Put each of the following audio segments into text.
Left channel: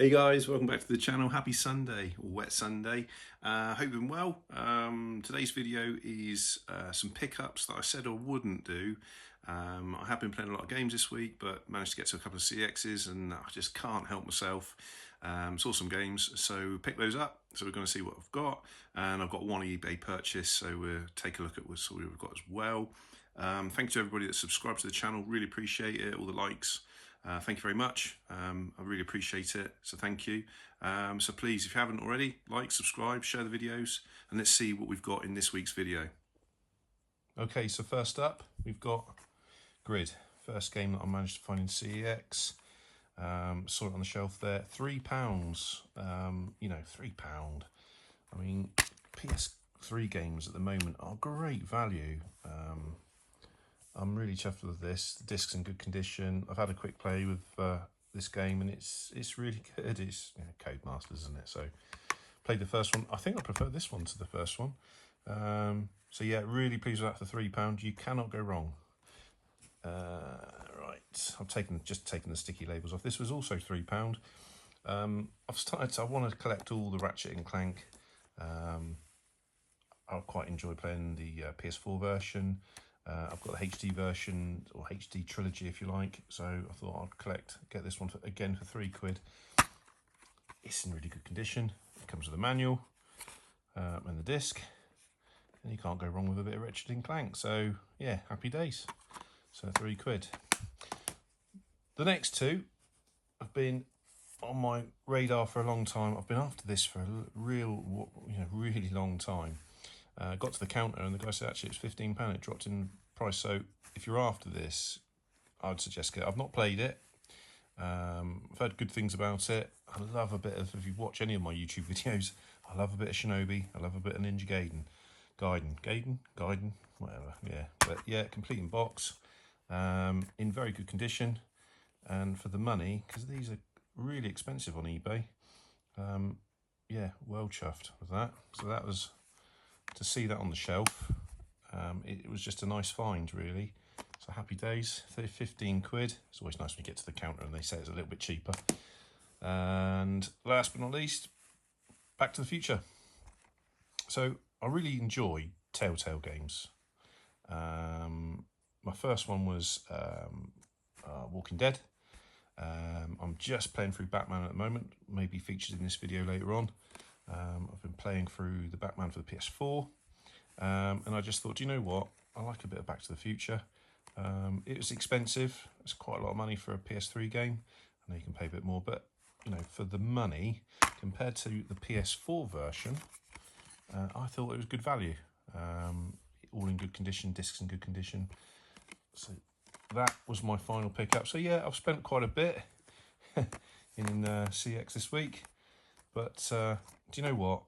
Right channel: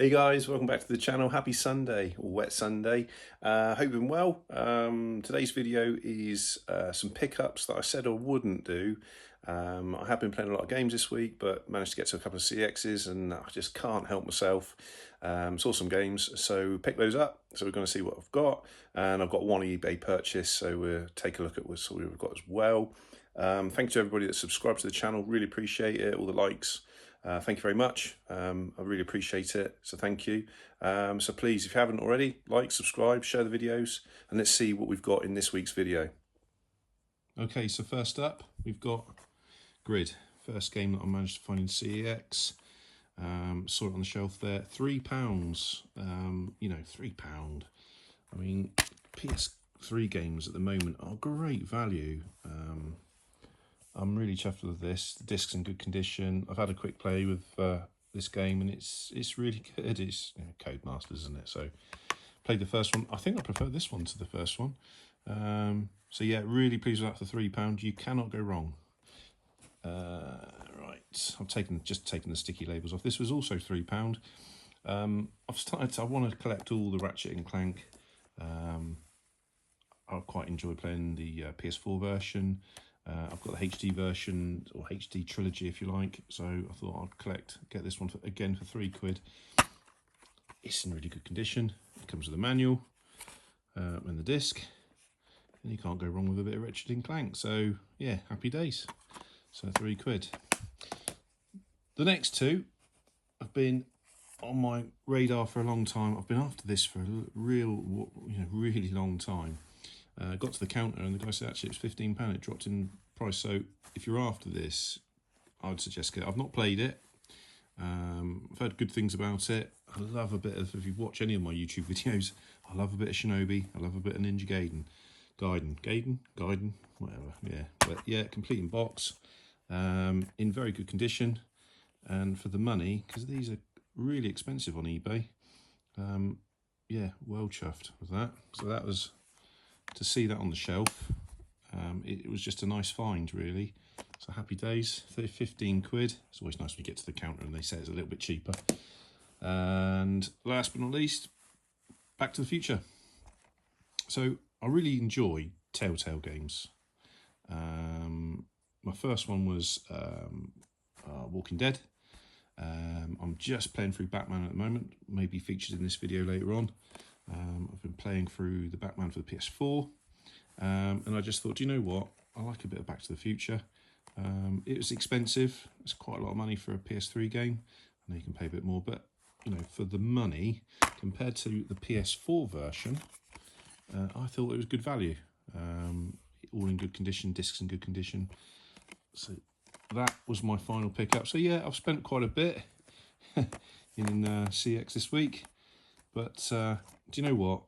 Hey guys, welcome back to the channel. Happy Sunday, or wet Sunday. Hope you're doing well. Today's video is some pickups that I said I wouldn't do. I have been playing a lot of games this week, but managed to get to a couple of CXs and I just can't help myself. Saw some games, so pick those up. So we're going to see what I've got. And I've got one eBay purchase, so we'll take a look at what we've got as well. Thank you to everybody that subscribed to the channel. Really appreciate it, all the likes. Thank you very much. I really appreciate it, so thank you. So please, if you haven't already, like, subscribe, share the videos, and let's see what we've got in this week's video. Okay, so first up, we've got Grid. First game that I managed to find in CeX. Saw it on the shelf there, £3. You know, £3. I mean, PS3 games at the moment are great value. I'm really chuffed with this. The disc's in good condition. I've had a quick play with this game and it's really good. It's Codemasters, isn't it? So played the first one. I think I prefer this one to the first one. So yeah, really pleased with that for £3. You cannot go wrong. Right, I've just taken the sticky labels off. This was also £3. I want to collect all the Ratchet and Clank. I quite enjoy playing the PS4 version. I've got the HD version, or HD trilogy if you like, so I thought I'd get this one again for £3. It's in really good condition. It comes with a manual and the disc, and you can't go wrong with a bit of Ratchet and Clank, so yeah, happy days. So £3. The next two have been on my radar for a long time. I've been after this for a really long time. Got to the counter and the guy said actually it's £15. It dropped in price. So if you're after this, I would suggest get it. I've not played it. I've heard good things about it. I love a bit of, if you watch any of my YouTube videos, I love a bit of Shinobi. I love a bit of Ninja Gaiden, whatever. Yeah, but yeah, complete in box, in very good condition, and for the money, because these are really expensive on eBay. Yeah, well chuffed with that. So that was, to see that on the shelf, it was just a nice find, really. So happy days. 15 quid. It's always nice when you get to the counter and they say it's a little bit cheaper. And last but not least, Back to the Future. So I really enjoy Telltale games. My first one was Walking Dead. I'm just playing through Batman at the moment, maybe featured in this video later on. I've been playing through the Batman for the PS4, and I just thought, do you know what? I like a bit of Back to the Future. It was expensive. It's quite a lot of money for a PS3 game. I know you can pay a bit more, but you know, for the money compared to the PS4 version, I thought it was good value. All in good condition, discs in good condition. So that was my final pickup. So yeah, I've spent quite a bit in CeX this week, but do you know what?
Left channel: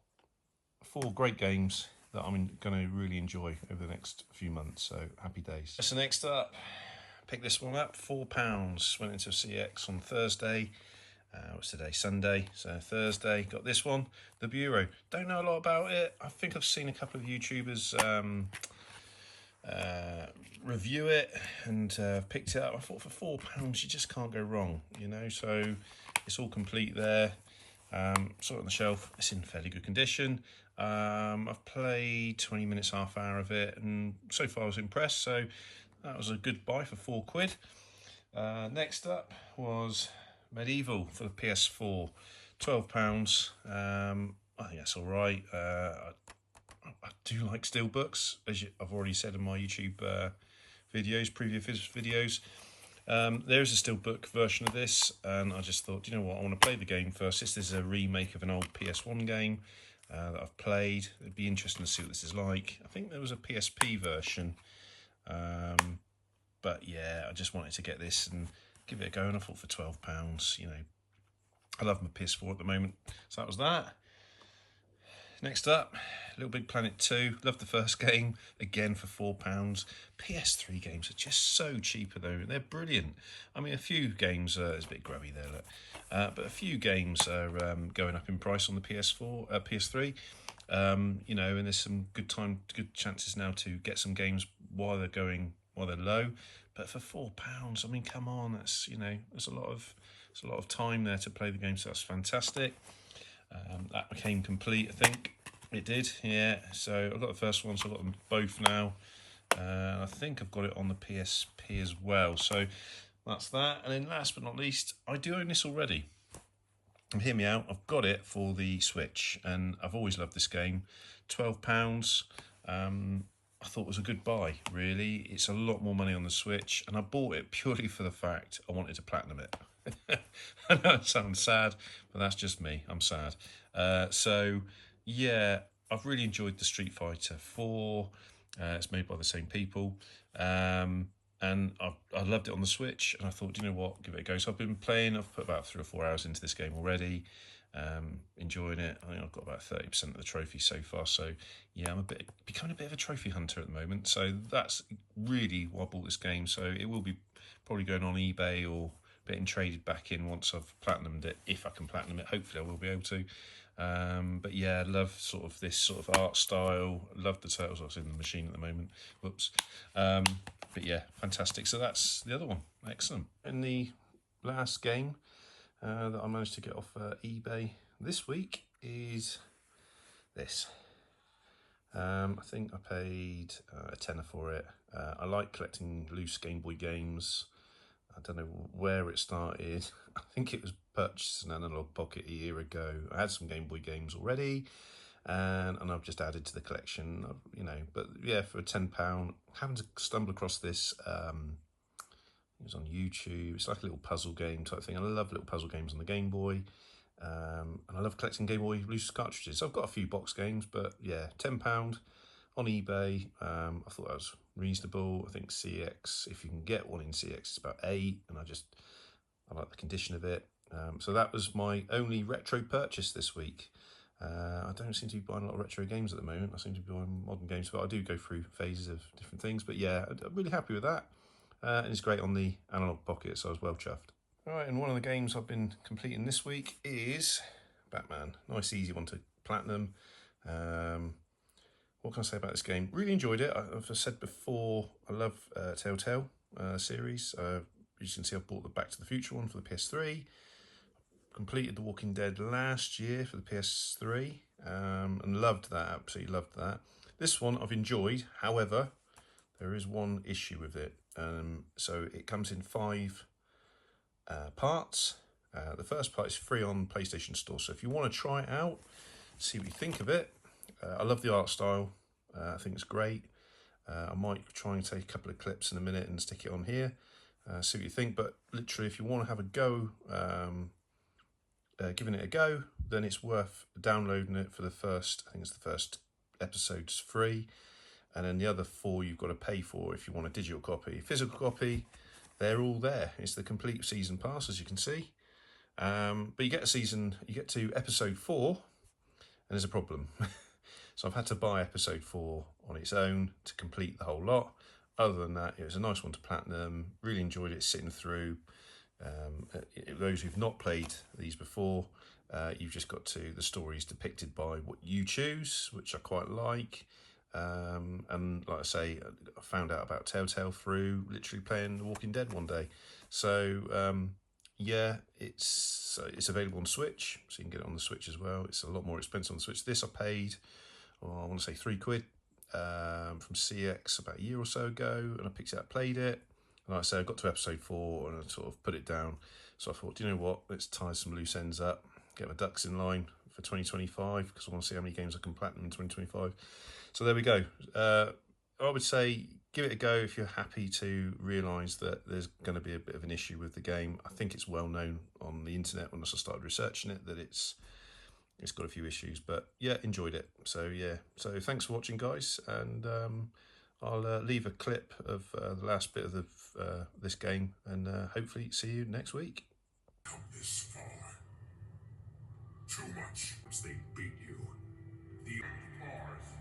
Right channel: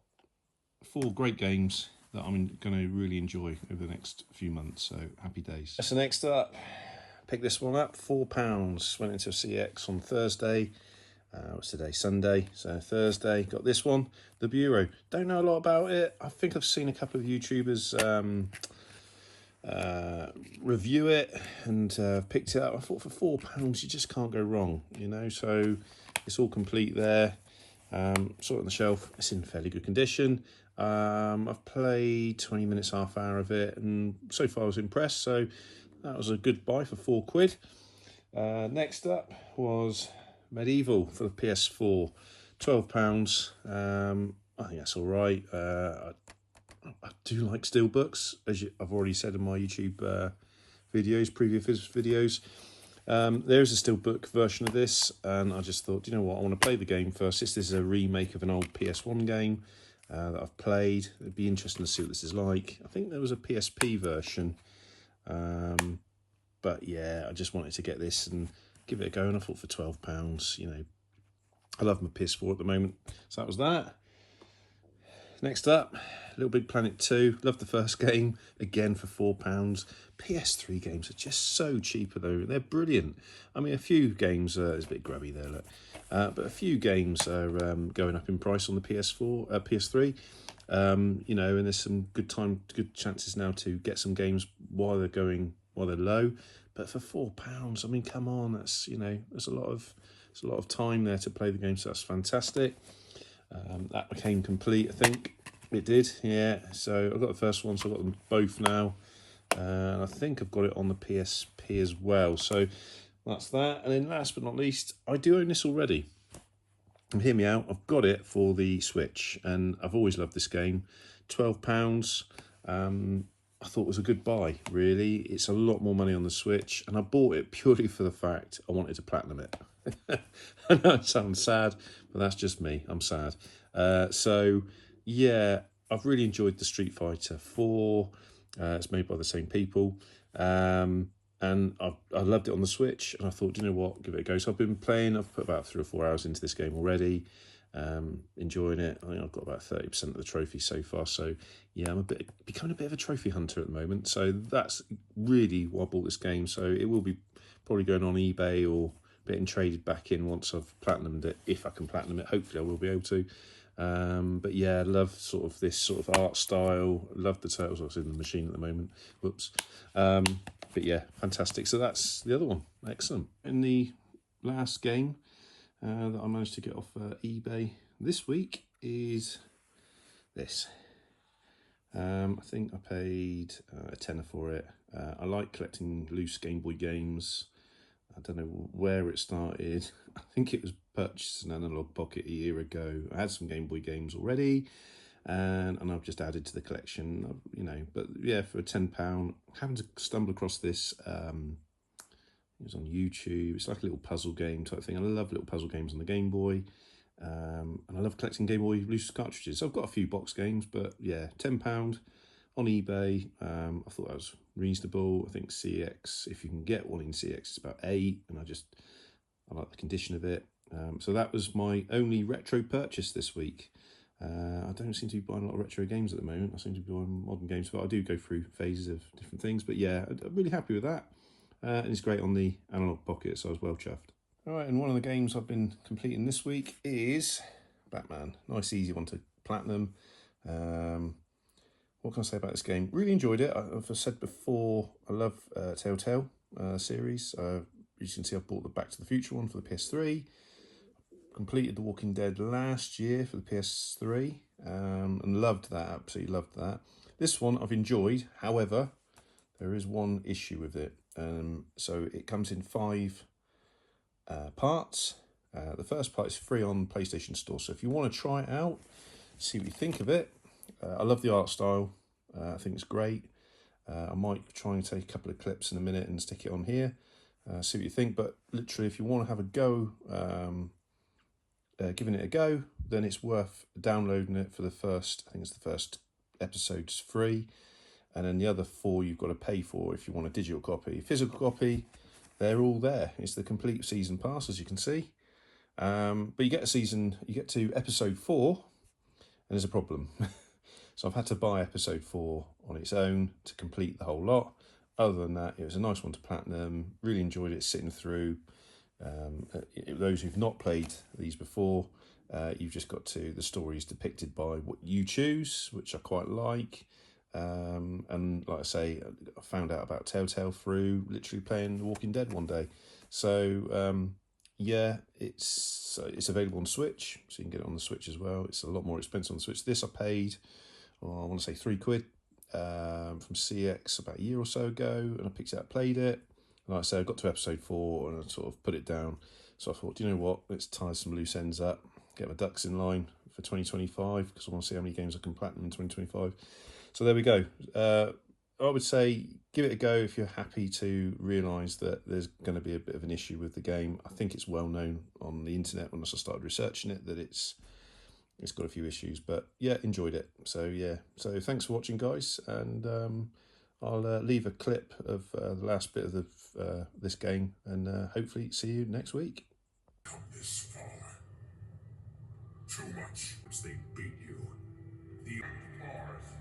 4 great games that I'm going to really enjoy over the next few months, so happy days. So next up, pick this one up, £4. Went into CeX on Thursday. What's today? Sunday. So Thursday, got this one, The Bureau. Don't know a lot about it. I think I've seen a couple of YouTubers review it and picked it up. I thought for £4 you just can't go wrong, you know. So it's all complete there. Saw it on the shelf. It's in fairly good condition. I've played 20 minutes, half hour of it, and so far I was impressed. So that was a good buy for £4. Next up was Medieval for the PS4, £12. I think that's all right. I do like steelbooks, as I've already said in my YouTube previous videos. There's a steelbook version of this, and I just thought, you know what, I want to play the game first. This is a remake of an old PS1 game that I've played. It'd be interesting to see what this is like. I think there was a PSP version, but yeah, I just wanted to get this and give it a go, and I thought for £12, you know, I love my PS4 at the moment. So that was that. Next up, Little Big Planet 2. Love the first game, again for £4. PS3 games are just so cheaper though. They're brilliant. I mean, a few games, there's a bit grubby there, look. But a few games are going up in price on the PS3. You know, and there's some good chances now to get some games while they're low. But for £4, I mean, come on, that's, you know, there's a lot of It's a lot of time there to play the game, so that's fantastic. That became complete, I think. It did, yeah. So I've got the first one, so I've got them both now. I think I've got it on the PSP as well. So that's that. And then last but not least, I do own this already. And hear me out, I've got it for the Switch, and I've always loved this game. £12. I thought it was a good buy, really. It's a lot more money on the Switch, and I bought it purely for the fact I wanted to platinum it. I know it sounds sad, but that's just me. I'm sad. So, yeah, I've really enjoyed the Street Fighter 4. It's made by the same people. And I loved it on the Switch, and I thought, you know what, give it a go. So I've been playing. I've put about 3 or 4 hours into this game already. Enjoying it. I think I've got about 30% of the trophies so far. So yeah, I'm becoming a bit of a trophy hunter at the moment. So that's really why I bought this game. So it will be probably going on eBay or getting traded back in once I've platinumed it, if I can platinum it. Hopefully I will be able to. But yeah, I love sort of this sort of art style. Love the turtles. I was in the machine at the moment. Whoops. But yeah, fantastic. So that's the other one. Excellent. And the last game that I managed to get off eBay this week is this. I think I paid a tenner for it. I like collecting loose Game Boy games. I don't know where it started. I think it was purchased an Analog Pocket a year ago. I had some Game Boy games already, and I've just added to the collection, you know. But yeah, for £10, having to stumble across this, it was on YouTube. It's like a little puzzle game type thing. I love little puzzle games on the Game Boy, and I love collecting Game Boy loose cartridges. So I've got a few box games, but yeah, £10 on eBay. I thought that was reasonable. I think CeX, if you can get one in CeX, it's about £8, and I like the condition of it. So that was my only retro purchase this week. I don't seem to be buying a lot of retro games at the moment. I seem to be buying modern games, but I do go through phases of different things. But yeah, I'm really happy with that. And it's great on the Analog Pocket, so I was well chuffed. All right, and one of the games I've been completing this week is Batman. Nice, easy one to platinum. What can I say about this game? Really enjoyed it. I've said before, I love Telltale series. As you can see, I've bought the Back to the Future one for the PS3. Completed The Walking Dead last year for the PS3, and loved that, absolutely loved that. This one I've enjoyed, however, there is one issue with it. So it comes in 5 parts. The first part is free on PlayStation Store, so if you want to try it out, see what you think of it. I love the art style. I think it's great. I might try and take a couple of clips in a minute and stick it on here. See what you think. But literally, if you want to have a go, giving it a go, then it's worth downloading it for the first. I think it's the first episode's free, and then the other 4 you've got to pay for if you want a digital copy. Physical copy, they're all there. It's the complete season pass, as you can see. But you get to episode 4, and there's a problem. So I've had to buy episode 4 on its own to complete the whole lot. Other than that, it was a nice one to platinum. Really enjoyed it sitting through. Those who've not played these before, you've just got to, the stories depicted by what you choose, which I quite like. And like I say, I found out about Telltale through literally playing The Walking Dead one day. So yeah, it's available on Switch, so you can get it on the Switch as well. It's a lot more expensive on the Switch. This I paid, I want to say £3 from CeX about a year or so ago, and I picked it up, played it. And like I say, I got to episode 4 and I sort of put it down. So I thought, do you know what? Let's tie some loose ends up, get my ducks in line for 2025, because I want to see how many games I can platinum in 2025. So there we go. I would say give it a go if you're happy to realise that there's going to be a bit of an issue with the game. I think it's well known on the internet when I started researching it that it's got a few issues, but yeah, enjoyed it. So yeah, so thanks for watching, guys, and I'll leave a clip of the last bit of this game, and hopefully see you next week. Come this far. Too much. They beat you. The bars.